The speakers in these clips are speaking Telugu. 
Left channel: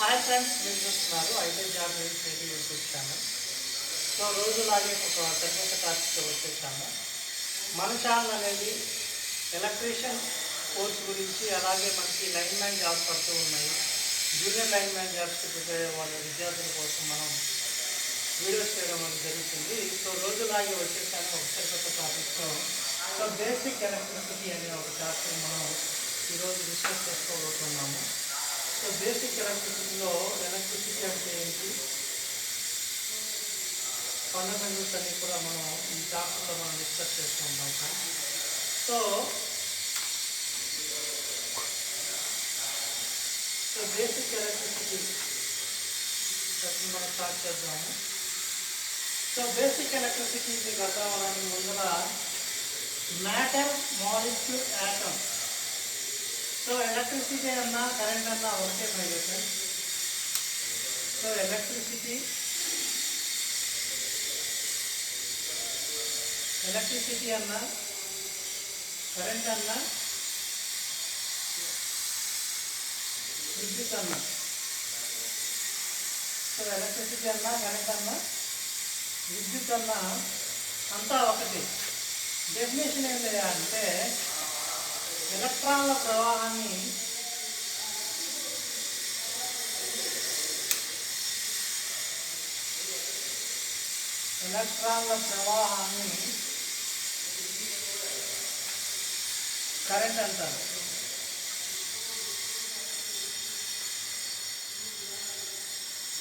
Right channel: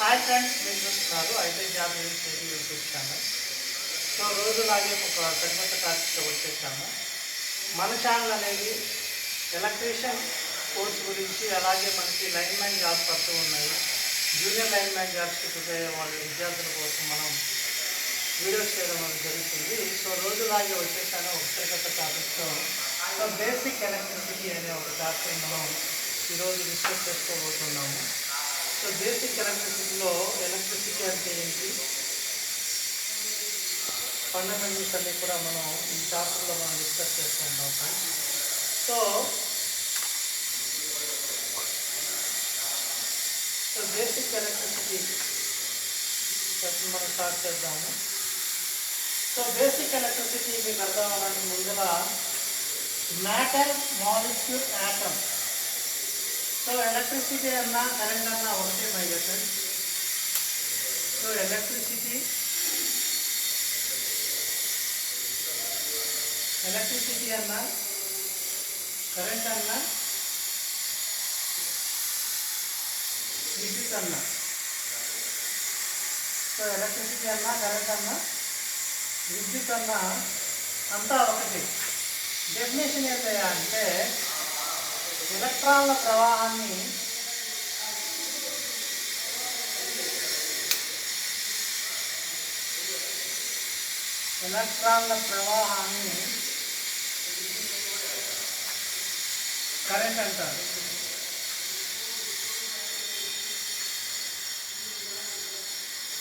హాయ్ ఫ్రెండ్స్, మీరు చూస్తున్నారు అయితే జాబ్ చేసి యూట్యూబ్ ఛానల్. సో రోజులాగే ఒక సరికొత్త టాపిక్తో వచ్చేసాము. మన ఛానల్ అనేది ఎలక్ట్రీషియన్ కోర్స్ గురించి, అలాగే మనకి లైన్ మ్యాన్ జాబ్స్ పడుతూ ఉన్నాయి. జూనియర్ లైన్ మ్యాన్ జాబ్స్కి ప్రిపేర్ అయ్యే వాళ్ళ విద్యార్థుల కోసం మనం వీడియోస్ చేయడం అనేది జరుగుతుంది. సో రోజులాగే వచ్చేసాను ఒక సరికొత్త టాపిక్తో. సో బేసిక్ ఎలక్ట్రిసిటీ అనే ఒక టాపిక్ మనం ఈరోజు డిస్కస్ చేసుకోబోతున్నాము. సో బేసిక్ ఎలక్ట్రిసిటీలో ఎలక్ట్రిసిటీ అంటే ఏంటి, ఫండమెంటల్స్ అన్ని కూడా మనం ఈ చాప్టర్లో మనం డిస్కస్ చేస్తూ ఉంటాం సార్. సో బేసిక్ ఎలక్ట్రిసిటీ మనం స్టార్ట్ చేద్దాము. సో బేసిక్ ఎలక్ట్రిసిటీ మీకు అర్థం అవ్వడానికి ముందుగా matter, molecule, atom. So electricity అన్నా కరెంట్ అన్నా ఒకటే my dear friends. So electricity అన్నా కరెంట్ అన్నా విద్యుత్ అన్నా. సో ఎలక్ట్రిసిటీ అన్నా కరెంట్ అన్నా విద్యుత్ అన్నా అంతా ఒకటి. డెఫినేషన్ ఏంటి అంటే ఎలక్ట్రాన్ల ప్రవాహాన్ని కరెంట్ అంటారు.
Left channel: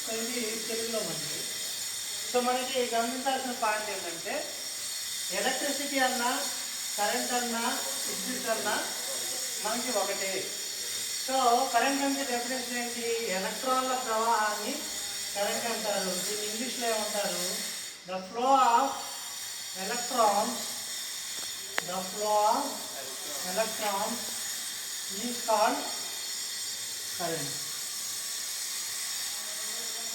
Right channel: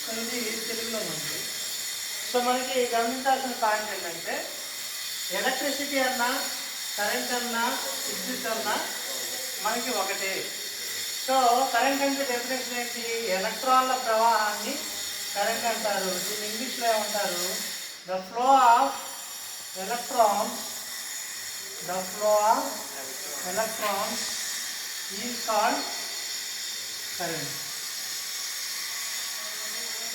సో ఇది తెలుగులో మంచిది. సో మనకి గమనించాల్సిన పాయింట్ ఏంటంటే ఎలక్ట్రిసిటీ అన్నా కరెంట్ అన్నా విద్యుత్ అన్నా మనకి ఒకటే. సో కరెంట్ అంటే డెఫినేషన్ ఏంటి, ఎలక్ట్రాన్ల ప్రవాహాన్ని కరెంట్ అంటారు. దీన్ని ఇంగ్లీష్లో ఏమంటారు, the flow of electrons is called current.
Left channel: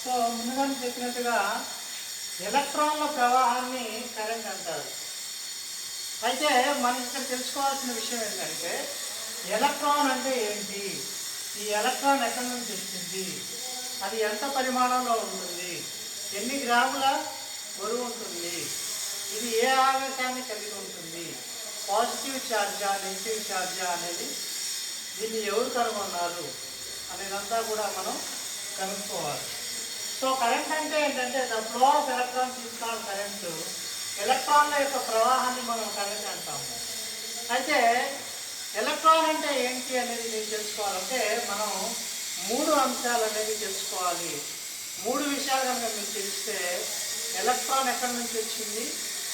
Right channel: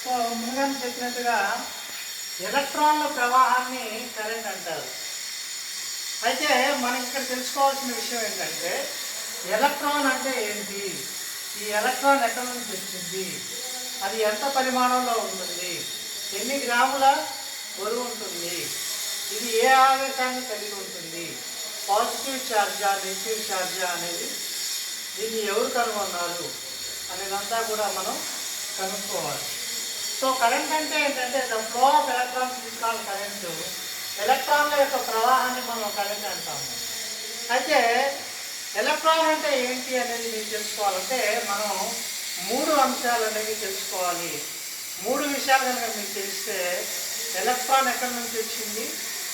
So ముందుగా చెప్పినట్టుగా ఎలక్ట్రాన్ల ప్రవాహాన్ని కరెంట్ అంటారు. అయితే మనం ఇక్కడ తెలుసుకోవాల్సిన విషయం ఏంటంటే ఎలక్ట్రాన్ అంటే ఏంటి, ఈ ఎలక్ట్రాన్ ఎక్కడి నుంచి వచ్చింది, అది ఎంత పరిమాణంలో ఉంటుంది, ఎన్ని గ్రాముల బరువు ఉంటుంది, ఇది ఏ ఆవేశాన్ని కలిగి ఉంటుంది, పాజిటివ్ ఛార్జా నెగిటివ్ ఛార్జా అనేది, దీన్ని ఎవరు కనుగొన్నారు అనేదంతా కూడా మనం కనుక్కోవాలి. సో కరెంట్ అంటే ఏంటంటే the flow of electrons is called current. ఎలక్ట్రాన్ల యొక్క ప్రవాహాన్ని మనం కరెంట్ అంటాము. అయితే ఎలక్ట్రాన్ అంటే ఏంటి అనేది మీరు తెలుసుకోవాలంటే మనం 3 అంశాలు అనేవి తెలుసుకోవాలి. 3 విషయాలు కనుక మీకు తెలిస్తే ఎలక్ట్రాన్ ఎక్కడి నుంచి వచ్చింది,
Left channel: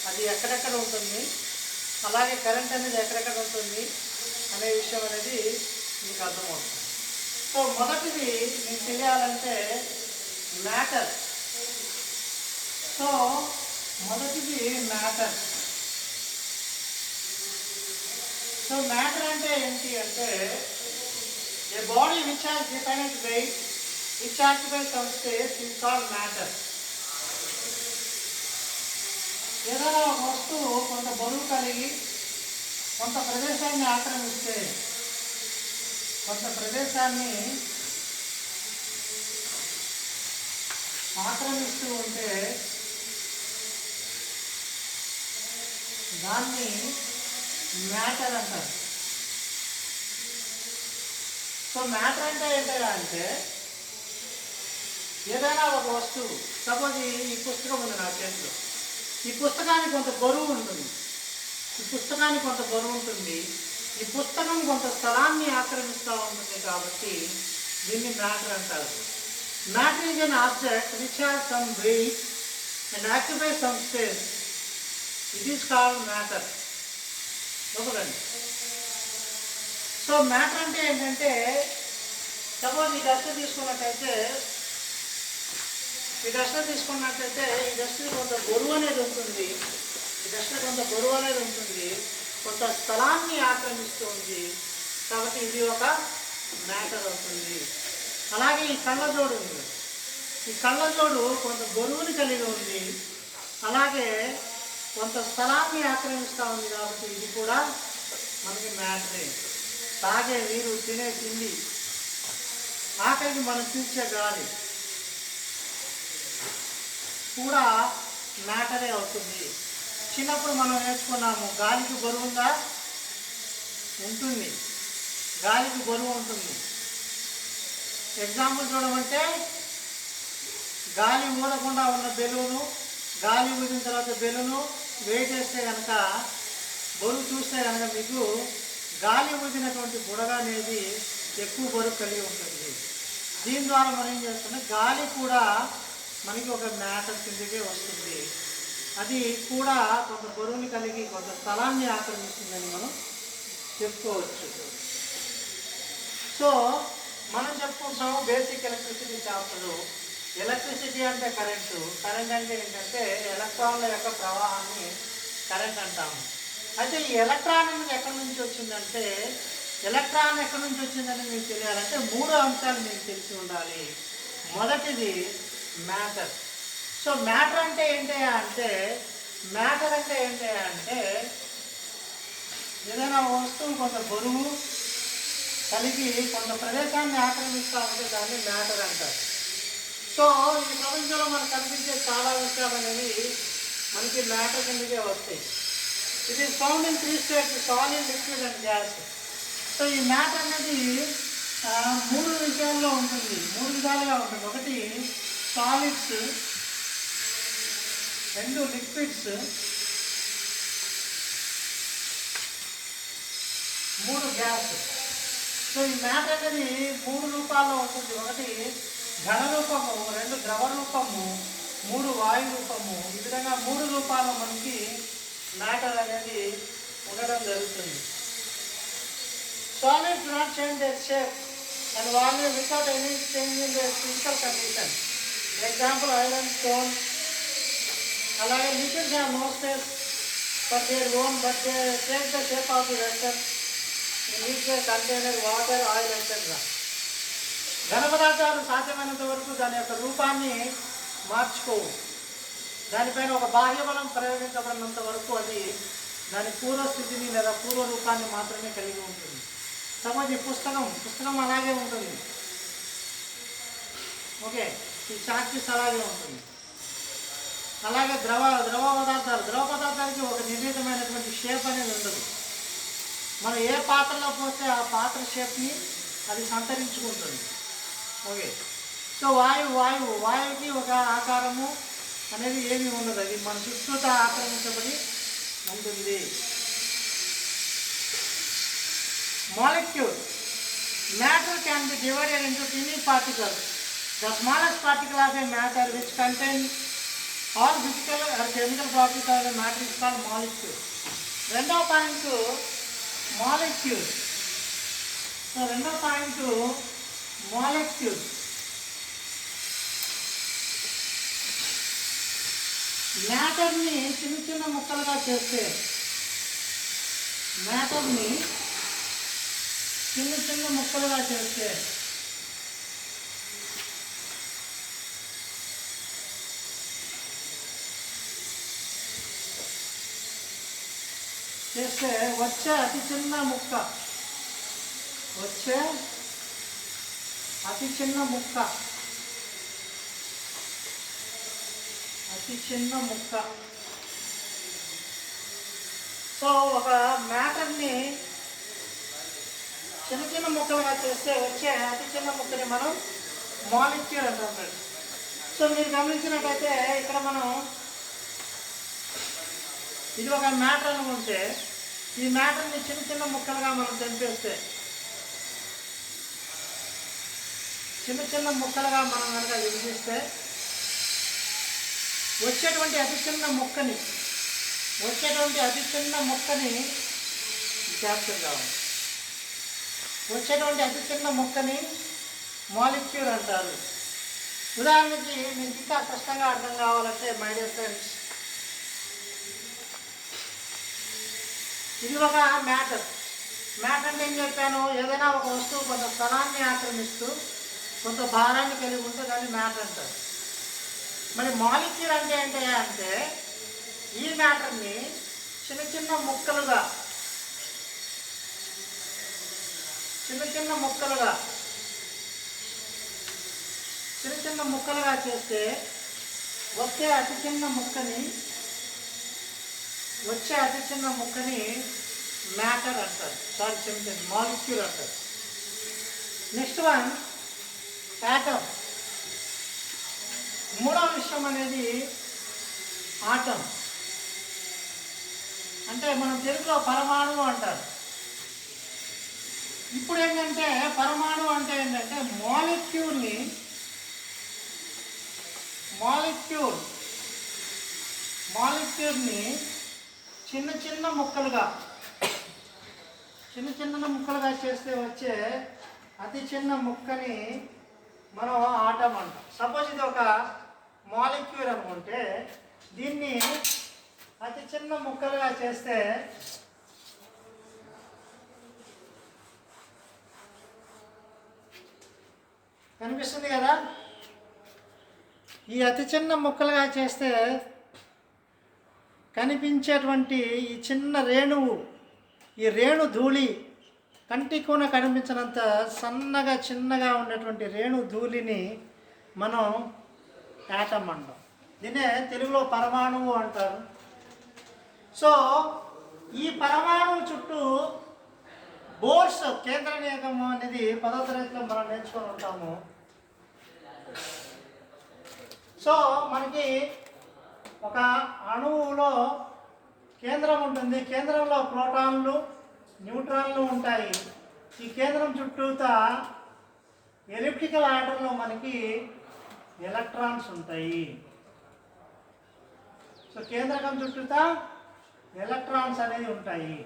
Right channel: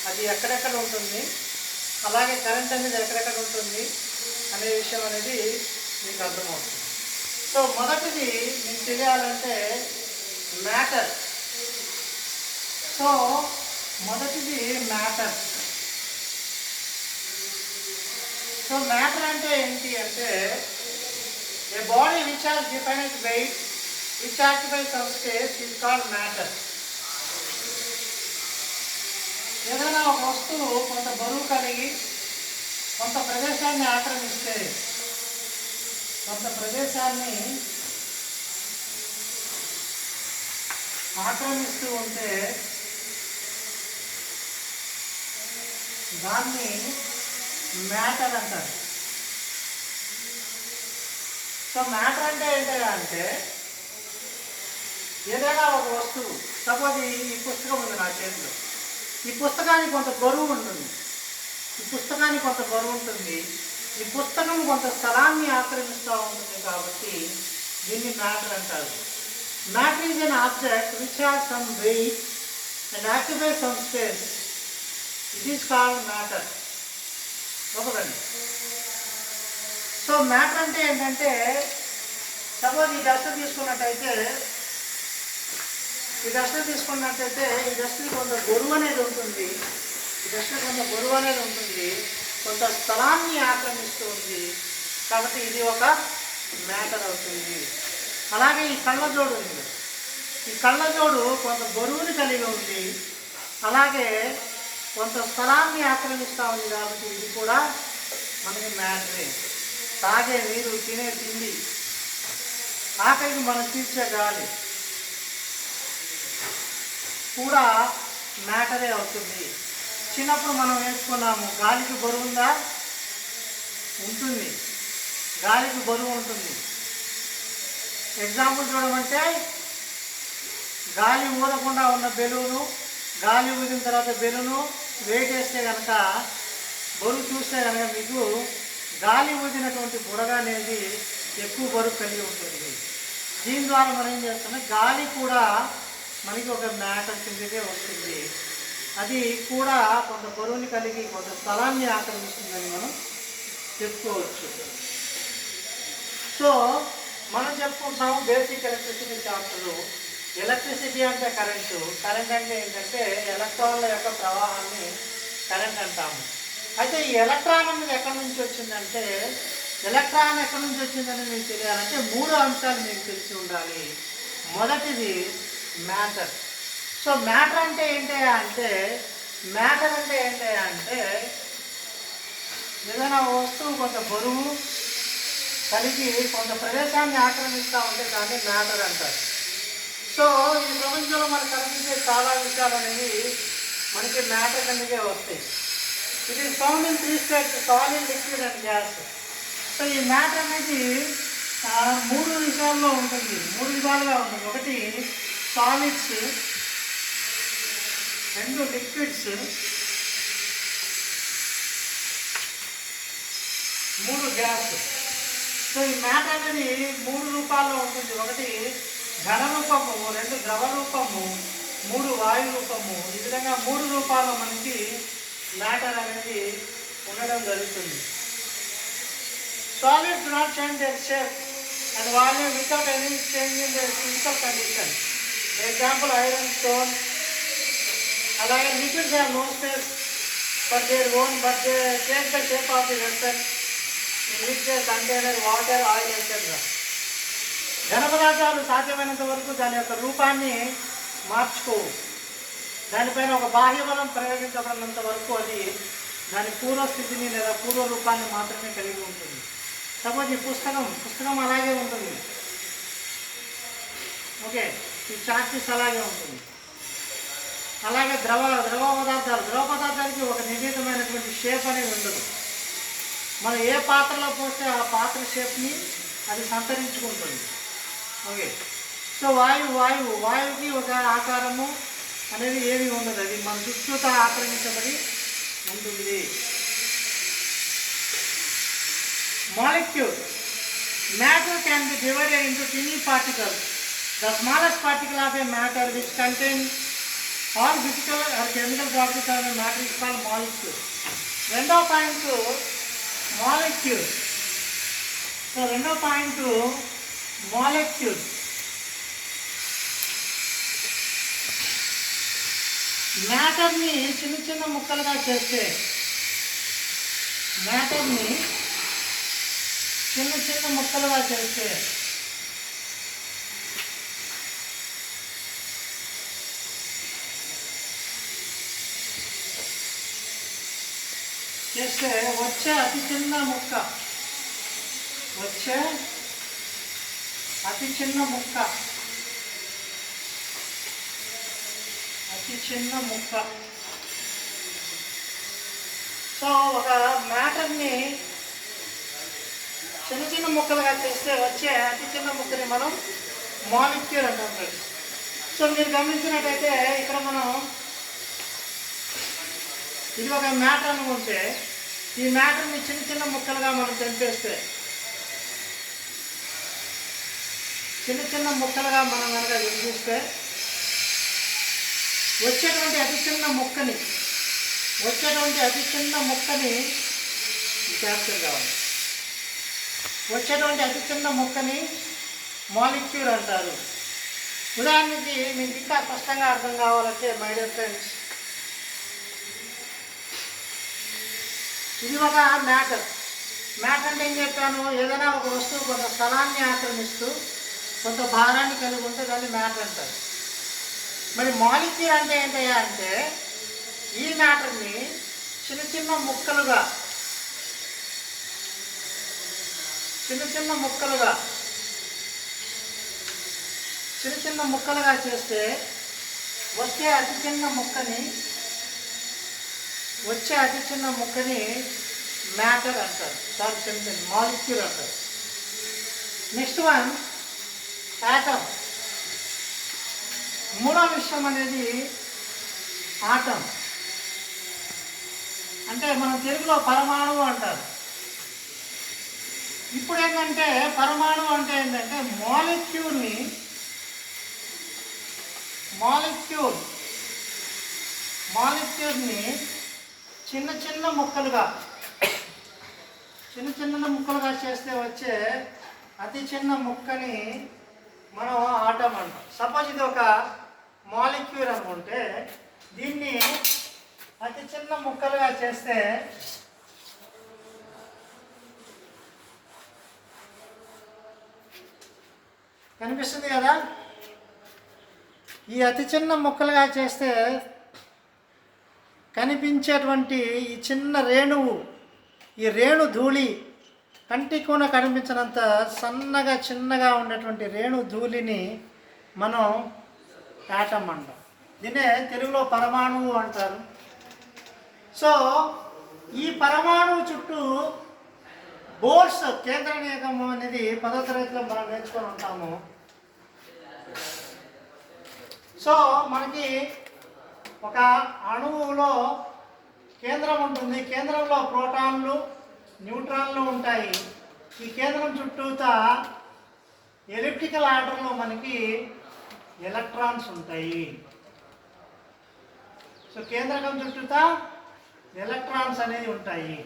అది ఎక్కడెక్కడ ఉంటుంది, అలాగే కరెంట్ అనేది ఎక్కడెక్కడ ఉంటుంది అనే విషయం అనేది మీకు అర్థమవుతుంది. సో మొదటిది మీకు తెలియాలంటే మ్యాటర్. సో మొదటిది మ్యాటర్. సో మ్యాటర్ అంటే ఏంటి అంటే a body which has definite weight which occupies some space is called matter. ఏదైనా ఒక వస్తువు కొంత బరువు కలిగి కొంత ప్రదేశాన్ని ఆక్రమిస్తే, కొంత ప్రదేశాన్ని ఆక్రమిస్తూ ఉంటే దాన్ని మ్యాటర్ అంటారు. సో మ్యాటర్ అంటే ఏంటంటే ఏదైనా ఒక వస్తువు, సపోజ్ ఈ పుస్తకం ఉంది నా చేతిలో, ఈ పుస్తకానికి కొంత బరువు ఉంటుంది, ఈ పుస్తకం కొంత స్థలాన్ని ఆక్రమిస్తూ ఉంటుంది కాబట్టి దీన్ని మ్యాటర్ అంటారు. Matter is an object which has some weight and occupy some space. It is called matter. ఒకదండి. సో మ్యాటర్ అంటే ఏంటంటే సపోజ్ ఈ డస్టర్ తీసుకున్నట్టయితే ఈ డస్ట్కి కొంత బరువు అనేది ఉంటుంది, కొంత స్థలాన్ని ఆక్రమిస్తుంది కాబట్టి ఇది ఒక మ్యాటర్ అవుతుంది. అలాగే ఈ కళ్ళజోడు ఉంది, ఈ కళ్ళజోడు కొంత బరువుని కలిగి ఉంది, అలాగే కొంత స్థలాన్ని ఆక్రమిస్తూ ఉంది కాబట్టి ఇది కూడా మనకి మ్యాటరే. తాగే నీరు, తినే తిండి, ఆఖరికి మనం పీల్చే గాలి కూడా మ్యాటరే అవుతుంది. చిన్నప్పుడు మనం నేర్చుకున్నాము, గాలికి బరువు ఉందా? ఉంటుంది, గాలికి బరువు ఉంటుంది. ఎగ్జాంపుల్ చూడమంటే, గాలి ఊదకుండా ఉన్న బెలూను, గాలి ఊదిన తర్వాత బెలూను వెయిట్ వేస్తే కనుక, బరువు చూస్తే కనుక మీకు గాలి ఊదినటువంటి బుడగ అనేది ఎక్కువ బరువు కలిగి ఉంటుంది. దీని ద్వారా మనం ఏం చేస్తున్నాం, గాలి కూడా మనకి ఒక మ్యాటర్ కిందకే వస్తుంది. అది కూడా కొంత బరువుని కలిగి కొంత స్థలాన్ని ఆక్రమిస్తుందని మనం చెప్పుకోవచ్చు. సో మనం చెప్పుకుంటాము బేసిక్ ఎలక్ట్రిసిటీ చాప్టర్లో. ఎలక్ట్రిసిటీ అంటే కరెంటు, కరెంట్ అంటే ఏంటంటే ఎలక్ట్రాన్ల యొక్క ప్రవాహాన్ని కరెంట్ అంటాము. అయితే ఈ ఎలక్ట్రాన్ అనేది ఎక్కడి నుంచి వచ్చిందంటే, ఎలక్ట్రాన్ ఎక్కడి నుంచి వచ్చిందని మీకు తెలియాలంటే 3 అంశాలు మీకు తెలిసి ఉండాలి. మొదటిది మ్యాటర్. సో మ్యాటర్ అంటే ఏంటి అంటే, మ్యాటర్ అంటే ఏంటి అంటే ఏదైనా వస్తువు కొంత బరువు కలిగి కొంత ప్రదేశాన్ని ఆక్రమిస్తూ ఉంటే దాన్ని మ్యాటర్ అంటారు. సో ఈ ప్రపంచంలో మనకు కనిపించే చాలా విషయాలు అనేవి మనకి మ్యాటర్ కిందకే వస్తాయి. ఇది found in 3 states: solid, liquid and gas. So ఈ మ్యాటర్ అనేది 3 విషయాల్లో ఉంటుంది, 3 విధాలుగా ఉంటుంది. ఒకటి సాలిడ్స్, 2 లిక్విడ్స్, 3 గ్యాస్. సో ఈ మ్యాటర్ అనేది 3 రూపాల్లో ఉంటుంది. ఒకటి ఘన రూపము, 2 ద్రవ రూపము, 3 వాయు రూపము. ఈ విధంగా 3 రూపాల్లో మనకి మ్యాటర్ అనేది ఉండడం జరుగుతుంది. Solids do not change their shape and volume without any change in their physical condition. Example iron, stone. అలాగే liquids have no space for their own but they take the shape of the vessel in which they container water, oil etcetera. ఘన పదార్థాలు సాధ్యమైనంత వరకు దాని యొక్క రూపాన్ని మార్చుకోవు. దానిపైన ఒక బాహ్య బలం ప్రయోగించబడినంత వరకు అది దాని పూర్వస్థితిని లేదా పూర్వ రూపాన్ని మాత్రమే కలిగి ఉంటుంది. సపోజ్ ఈ పుస్తకం అలాగే ఉంటుంది. ఓకే, ఈ చార్టీస్ అలాగే ఉంటుంది. అలాగే ద్రవ పదార్థాలకి ఒక నిర్ణీతమైనటువంటి షేప్ అనేది ఉండదు. మనం ఏ పాత్రలో పోస్తే ఆ పాత్ర షేప్ని అది సంతరించుకుంటుంది. ఓకే, సో వాయువుకి ఒక ఆకారము అనేది ఏమీ ఉండదు, అది మన చుట్టూతో ఆక్రమించబడి ఉంటుంది. Molecule. Matter can be divided into tiny particles. The smallest particle of a matter which contains all physical or chemical properties of a matter is called molecule. రెండో పాయింట్ మాలిక్యూల్. సో రెండో పాయింట్ మాలిక్యూల్. మ్యాటర్ని చిన్న ముక్కలుగా చేస్తే, చిన్న ముక్కలుగా చేస్తే వచ్చే అతి చిన్న ముక్క సో ఒక మ్యాటర్ని చిన్న ముక్కలుగా చేస్తే వచ్చే అతి చిన్న ముక్కని మనం మాలిక్యూల్ అంటాం ఫ్రెండ్స్. సో మీరు గమనించినట్టయితే ఇక్కడ మనం ఇది ఒక మ్యాటర్ అనుకుంటే, ఈ మ్యాటర్ని చిన్న ముక్కలుగా మనం తెంపేస్తే, చిన్న ముక్కలుగా మనం కనుక విభజిస్తే వచ్చేటువంటి అతి చిన్న ముక్కని క్యాప్చర్ కావాలి. వచ్చేటువంటి అతి చిన్న ముక్కని మాలిక్యూల్ అంటారు. ఉదాహరణకి మీకు ఇంకా స్పష్టంగా అర్థం కావాలంటే మై డియర్ ఫ్రెండ్స్, ఇది ఒక మ్యాటర్ అంటే ఏం చెప్పాను, ఏదైనా ఒక వస్తువు కొంత స్థలాన్ని ఆక్రమిస్తూ కొంత భారాన్ని కలిగి ఉంటే దాన్ని మ్యాటర్ అంటారు. మరి మాలిక్యూల్ అంటే ఏంటయ్యా అంటే, ఈ మ్యాటర్ని చిన్న ముక్కలుగా చిన్న చిన్న ముక్కలుగా చేస్తే వచ్చే అతి చిన్న ముక్కని మ్యాటర్ అంటారు. సారీ క్షమించండి, మాలిక్యూల్ అంటారు. Next one atom. మూడో విషయం అనేది ఆటం, అంటే మనం తెలుగులో పరమాణువు అంటారు. ఇప్పుడు ఏంటంటే పరమాణువు అంటే ఏంటంటే మాలిక్యూల్ని చిన్న చిన్న ముక్కలుగా చేస్తే వచ్చే అతి చిన్న ముక్కని మనం ఆటం అంటాం. సపోజ్ ఇది ఒక మాలిక్యూల్ అనుకుంటే దీన్ని అతి చిన్న ముక్కలుగా చేస్తే కనిపిస్తుంది కదా. ఈ అతి చిన్న ముక్కలుగా చేస్తే కనిపించేటువంటి ఈ చిన్న రేణువు, ఈ రేణు ధూళి, కంటికి కూడా కనిపించినంత చిన్నగా ఉండేటువంటి రేణు ధూళిని మనం యాటమ్ అంటాం. దీన్నే తెలుగులో పరమాణువు అంటారు. సో ఈ పరమాణువు చుట్టూ బోర్స్, కేంద్ర నియమం అనేది 10వ తరగతిలో మనం నేర్చుకొని ఉంటాము. సో మనకి ఒక అణువులో కేంద్రం ఉంటుంది. కేంద్రంలో ప్రోటాన్లు, న్యూట్రాన్లు ఉంటాయి. ఈ కేంద్రం చుట్టూతా ఎలిప్టికల్ ఆర్డర్లో మనకి ఎలక్ట్రాన్స్ ఉంటాయి. సో కేంద్రకం చుట్టూతా ఎలక్ట్రాన్స్ అనేవి ఉంటాయి.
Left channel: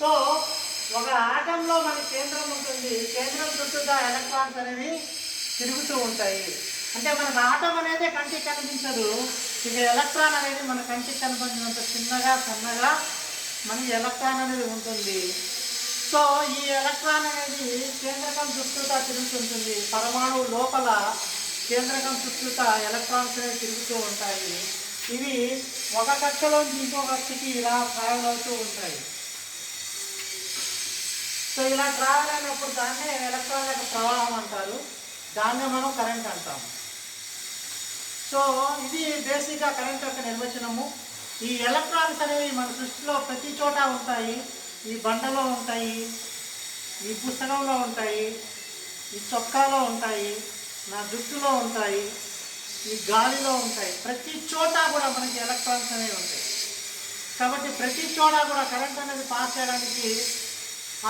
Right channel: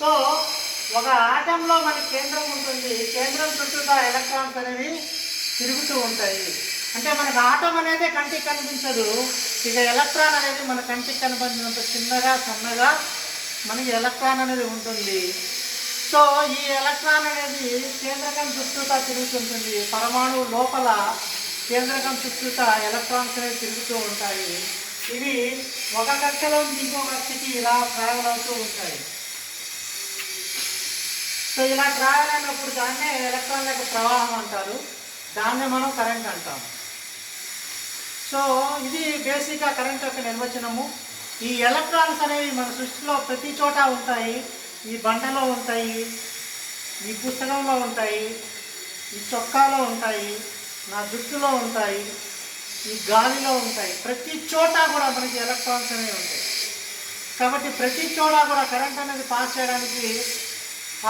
సో ఒక ఆటంలో మనకి కేంద్రం ఉంటుంది, కేంద్రం చుట్టూతా ఎలక్ట్రాన్స్ అనేవి తిరుగుతూ ఉంటాయి. అంటే మనకు ఆటం అనేది కంటికి కనిపించదు, ఇక ఎలక్ట్రాన్ అనేది మన కంటికి కనిపించినంత సన్నగా మనకి ఎలక్ట్రాన్ అనేది ఉంటుంది. సో ఈ ఎలక్ట్రాన్ అనేది కేంద్రకం చుట్టూతా తిరుగుతుంటుంది. పరమాణువు లోపల కేంద్రకం చుట్టూతా ఎలక్ట్రాన్స్ అనేవి తిరుగుతూ ఉంటాయి. ఇవి ఒక కక్షలో ఇంకో కక్షకి ఇలా ట్రావెల్ అవుతూ ఉంటాయి. సో ఇలా ట్రావెల్ అయినప్పుడు దాన్నే ఎలక్ట్రాన్ యొక్క ప్రవాహం అంటారు, దాన్నే మనం కరెంట్ అంటాము. సో ఇది బేసిక్గా కరెంట్ యొక్క నిర్వచనము. ఈ ఎలక్ట్రాన్స్ అనేవి మన సృష్టిలో ప్రతి చోట ఉంటాయి. ఈ బండలో ఉంటాయి, ఈ పుస్తకంలో ఉంటాయి, ఈ చొక్కాలో ఉంటాయి, నా జుట్టులో ఉంటాయి, ఈ గాలిలో ఉంటాయి. ప్రతి చోట కూడా మనకి ఎలక్ట్రాన్స్ అనేవి ఉంటాయి. కాబట్టి ప్రతి చోట కూడా కరెంట్ అనేది పాస్ చేయడానికి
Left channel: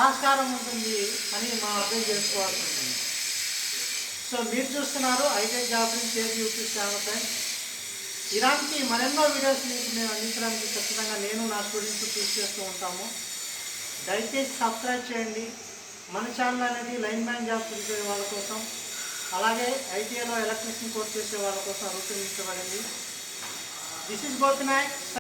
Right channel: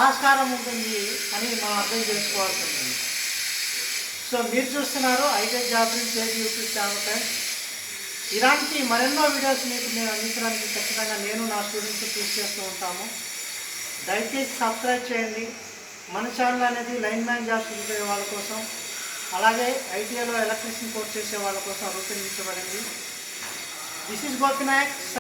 ఆస్కారం ఉంటుంది అని మనం అర్థం చేసుకోవాల్సి ఉంటుంది. సో మీరు చూస్తున్నారు ఐటెక్ జాబ్ చేసి యూట్యూబ్ ఛానల్ ఫ్రెండ్స్. ఇలాంటి మరెన్నో వీడియోస్ మీకు మేము అందించడానికి ఖచ్చితంగా నేను నా స్టూడెంట్స్ కృషి చేస్తూ ఉంటాము. దయచేసి సబ్స్క్రైబ్ చేయండి. మన ఛానల్ అనేది లైన్ మ్యాన్ జాబ్ చేసే వాళ్ళ కోసం, అలాగే ఐటీఐలో ఎలక్ట్రీషియన్ కోర్స్ చేసే వాళ్ళ కోసం రూపొందించబడింది. This is Gopinayak.